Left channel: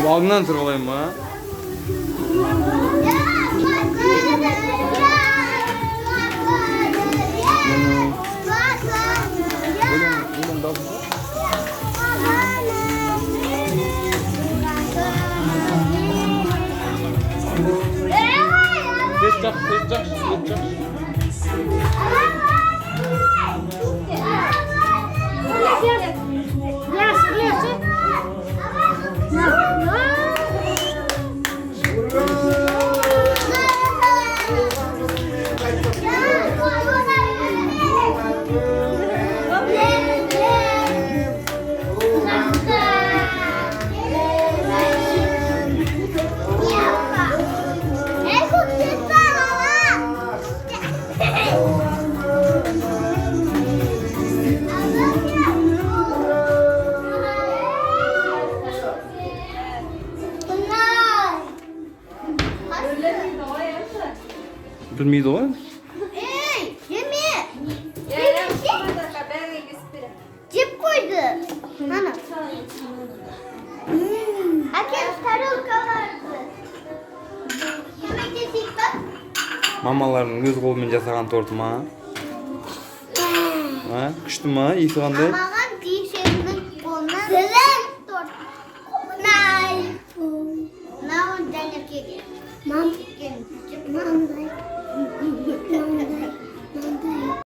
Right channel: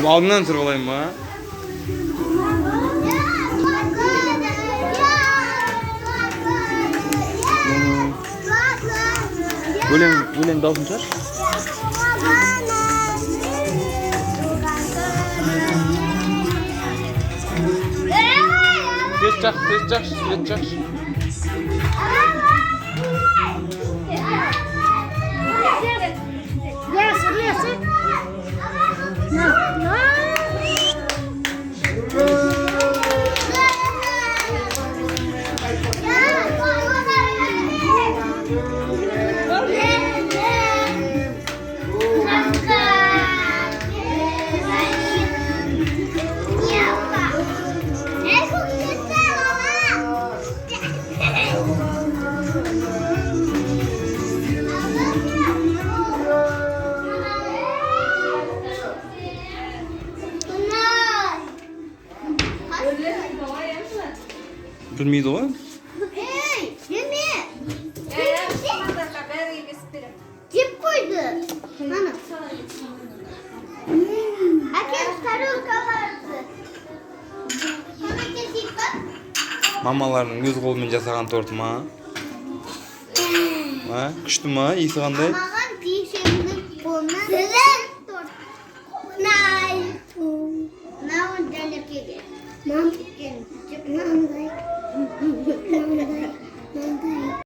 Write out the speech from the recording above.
Алдından тұрып алайын ба? Өлең даусын шығар? Тез жақшы. Білмейді ғой? Ей, неме? Жеп қойды. Ана. Әкел тарелкаларды. Көмектесейік па? Мамалардың өз қолымен жасаған торты ма? Күшті ма? Иісі қандай?